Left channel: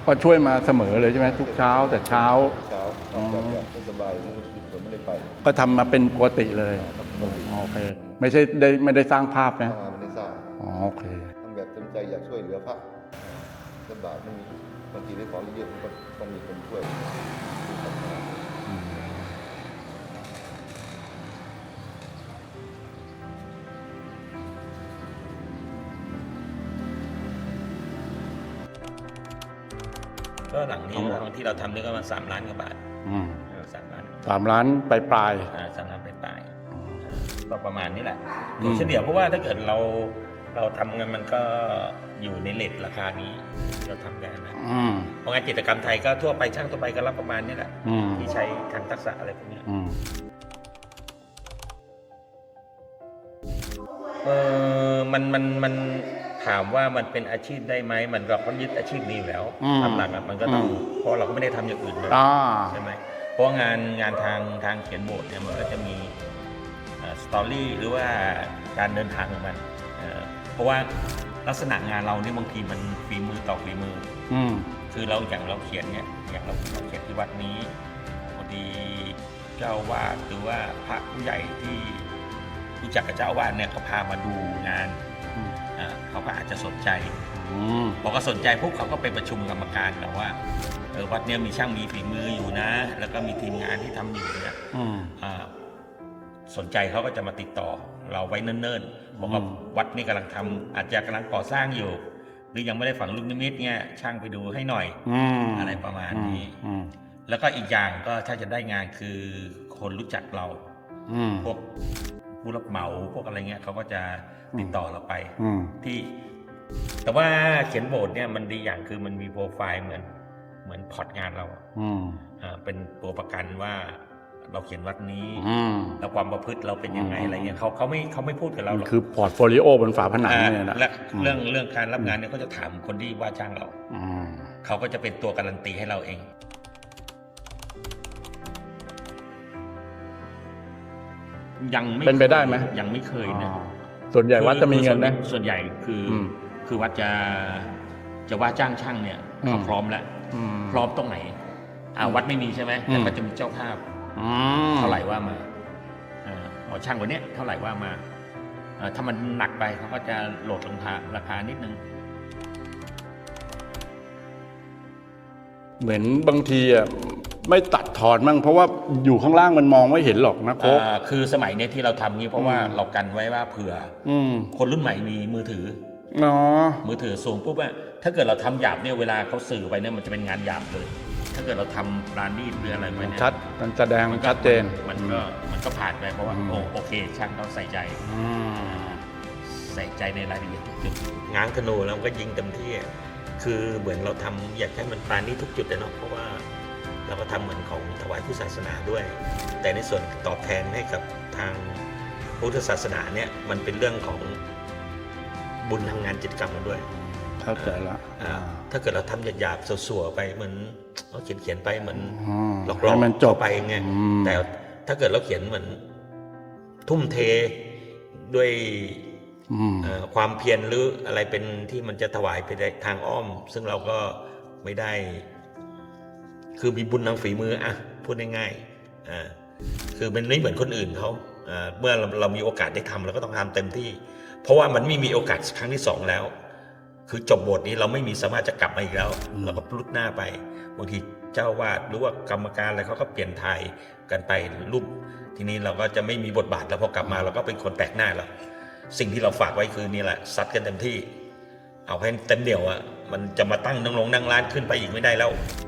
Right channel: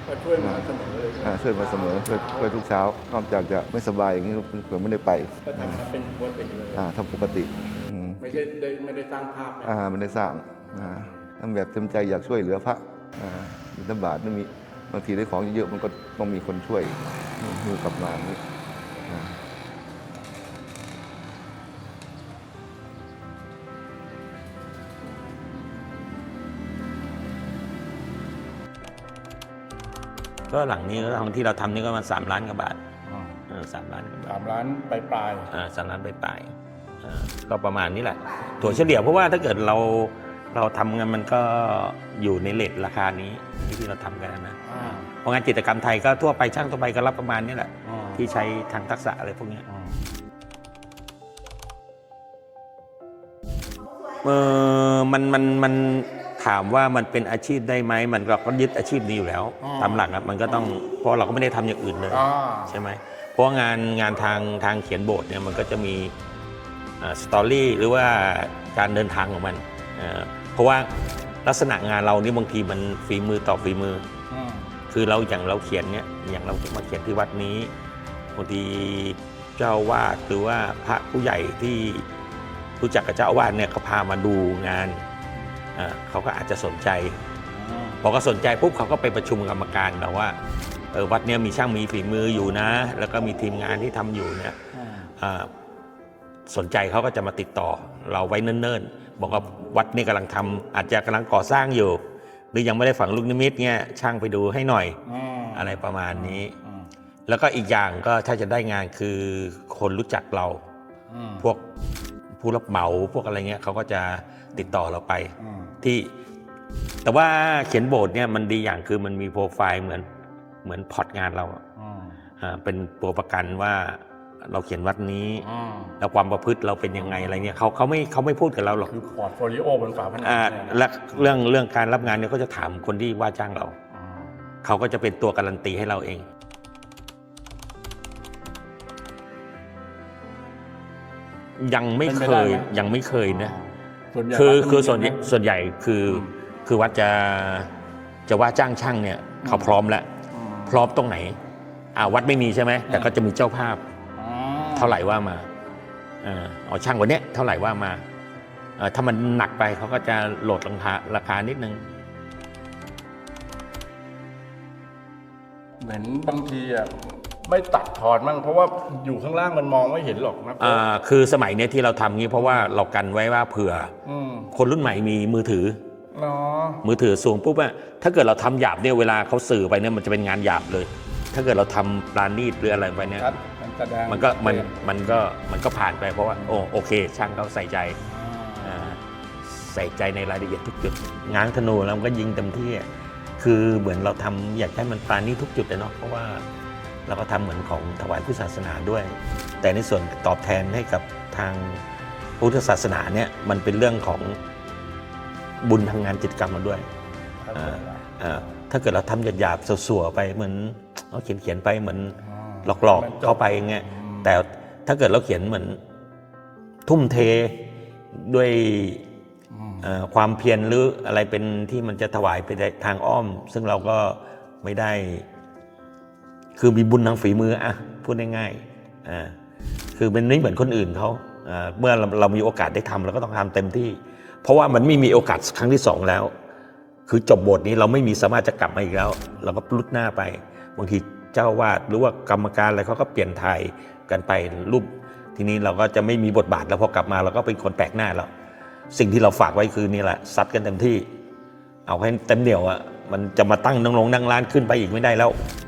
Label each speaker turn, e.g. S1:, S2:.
S1: ก็ช่วยมาเสมอเลยใช่ไหมทุกเช้าแต่เช้า
S2: ทุกเช้านอกจากจะไม่สบายอย่างนี้เผื่อไม่ได้ไป
S1: ก็ทำมาเป็นปกติเลย
S2: ทำปกติ
S1: โอเคไม่ใช่ไม่ได้สร้างภาพนะ
S2: ไม่ได้สร้าง
S1: โอเค
S2: ทำแบบเต็มใจอยากช่วยเหลือพระบิณฑบาตนั่นมีบางทีได้ของเยอะมันก็ต้องมีคนช่วยมีกลับมา
S3: ก็หลังนี้หลังที่เราทำนี่ก็มา3 ล้านกว่าบาท 3 ล้าน
S1: 3 ล้านปลาย
S3: 3 ล้านปลายก็ประมาณนี้แหละตัวเฉลี่ยเพราะว่าถ้าเกิดเราทำกันมันก็อยู่ในเลทราคานี้ที่เราทำกันนะเพราะงานจิตรกรรมไทยก็ทั่วไปช่างทั่วไปก็รับประมาณนี้แหละที่ใช้ทางทักษะอะไรพวกนี้มันถามว่ามันเป็นอาชีพได้ไหมมันก็ยึดอาชีพนี้อยู่แล้วตามหลักมันก็ต้องเพราะเราก็ไม่ได้ทำอย่างอื่นเลยใช่ไหมเพราะงานทางเขียนบทเนี่ยมันก็จะมีสตอรี่หรือว่าการเดินทางของมันเพราะว่าลักษณะงานเรานี่บางทีมันฝีมือต่อฝีมือคืออย่างเราเขียนเนี่ยอย่างเรามาเขียนที่วัดนี้บางทีเจ้าวาดหรือว่าพระผู้ใหญ่ที่รู้จักกับเจ้าอาวาสเนี่ยเขาพามาดูงานเขาก็อาจจะสนใจพอก็สนใจปุ๊บเขาก็ไปประชุมกรรมการแล้วว่าวัดเนี้ยมีช่างมีฝีมืออยู่นะแล้วก็มีทีมงานที่ทำอยู่เนี่ยสนใจเขาก็จะมาติดต่อเราไว้เนิ่นๆบอกว่าวัดนี้กำลังทำอาจจะกำลังก่อสร้างอยู่หรือยังไม่ได้ฝังลูกนิมิตเนี่ยช่างไปดูให้หน่อยอะไรประมาณนี้แล้วก็อีกอย่างก็ถ้าจะได้งานคือคนรู้จักเราพวกผู้รับเหมาพวกอะไรเงี้ยเขาก็จะติดต่อเราไปที่แต่ว่าเขียนโบสถ์เนี่ยมันดีอย่างคือมันมีโปรไฟล์เหมือนพอร์ตงานเราเป็นตัวประกันว่าเราเขียนวัดนี้แล้วความประพฤติเราเป็นยังไงอะไรเงี้ยเขาไม่พูดกับเราหรอก
S1: คือพอร์ตโฟลิโอบนฝาผนังเนี่ยนะ
S3: และเรื่องการรับงานเนี่ยก็จะถามคนที่ว่าจ้างเราเขาก็จะเป็นตัวการันตีให้เราเองยังไม่เคยนะ
S1: ส่วนใหญ่วัดจะมีเงินนะ
S3: ส่วนใหญ่คือวัดจะว่าจ้างช่างเนี่ยเขาพร้อมแล้วพร้อมตรงไหนวัดไม่มีใช่ไหมแต่ก็จะมีเจ้าภาพเท่าไหร่ว่ามาช่างวันนี้เท่าไหร่ว่ามาถ้ามันหนักไปเขาก็จะโหลดราคานิดนึง
S1: เหมือนบางทีไม่ตัดถอดมั่งเพราะว่าอยู่ข้างล่างมันมองไม่เห็นหรอกนะ
S3: คือสมัยนี้ที่เราทำงี้เพราะว่าเรากันไว้ว่าเผื่อคนรุ่นใหม่มีมือถือมือถือสูงปุ๊บถ้าเกิดเราทำหยาบเนี่ยเวลาเขาสื่อไปเนี่ยมันจะเป็นงานหยาบเลยถ้าเกิดเราทำปราณีตหรืออะไรไปเนี่ย
S1: มันแสดง
S3: มันก็ผ่านไปเพราะว่าโอเคช่างเขาใส่ใจในรายละเอียดทุกจุดง้างธนูแล้วก็ยิงเต็มที่คือเหมือนเราทำอยากให้มันปราณีตทุกจุดเลยเนาะเพราะว่าเราก็ทำเหมือนของถวายผู้ศาสนาด้วยแต่ในส่วนตอบแทนให้กับทางพุทธศาสนาเนี่ยมันเป็นเรื่องของบุญทางงานจิตกรรมมาด้วย
S1: เข้าใจแล้ว
S3: ถ้าเกิดเราทำหยาบๆสัวๆไปเหมือนเราเขียนไปเหมือนหลอกๆ
S1: มันจบ
S3: ไปไงแต่ถ้าเกิดเราเขียนเหมือนทุ่มเทด้วยความเพียรหรืออะไรเป็นที่มันจะถวายไปทางอ้อมซึ่งเราก็ไม่ได้คือมีบุญทางฝีมือพูดง่ายๆคือเป็นไม่เหมือนคนอื่นเขาเมื่อเรามีโอกาสได้ทำเราก็ต้องทำเต็มที่เพราะว่ามันไม่มีโอกาสครั้งที่2แล้วคือจบบทนี้เราไม่มีสามารถจะกลับมาอีกแล้วเราก็พลุดหน้าไปบางทีเจ้าวาดหรือว่ากรรมการอะไรเขาก็เปลี่ยนถ่ายกันไปรูปทีนี้เราก็จะไม่มีบทบาทแล้วพอกลับมาเราก็เป็นคนแปลกหน้าแล้วสิ่งที่เราฝากไว้คือนี่แหละซัดกันเต็มที่เอาให้เต็มเหนียวมันจะมาตั้งนั่งร้านขึ้นไปอีกไม่ได้แล้ว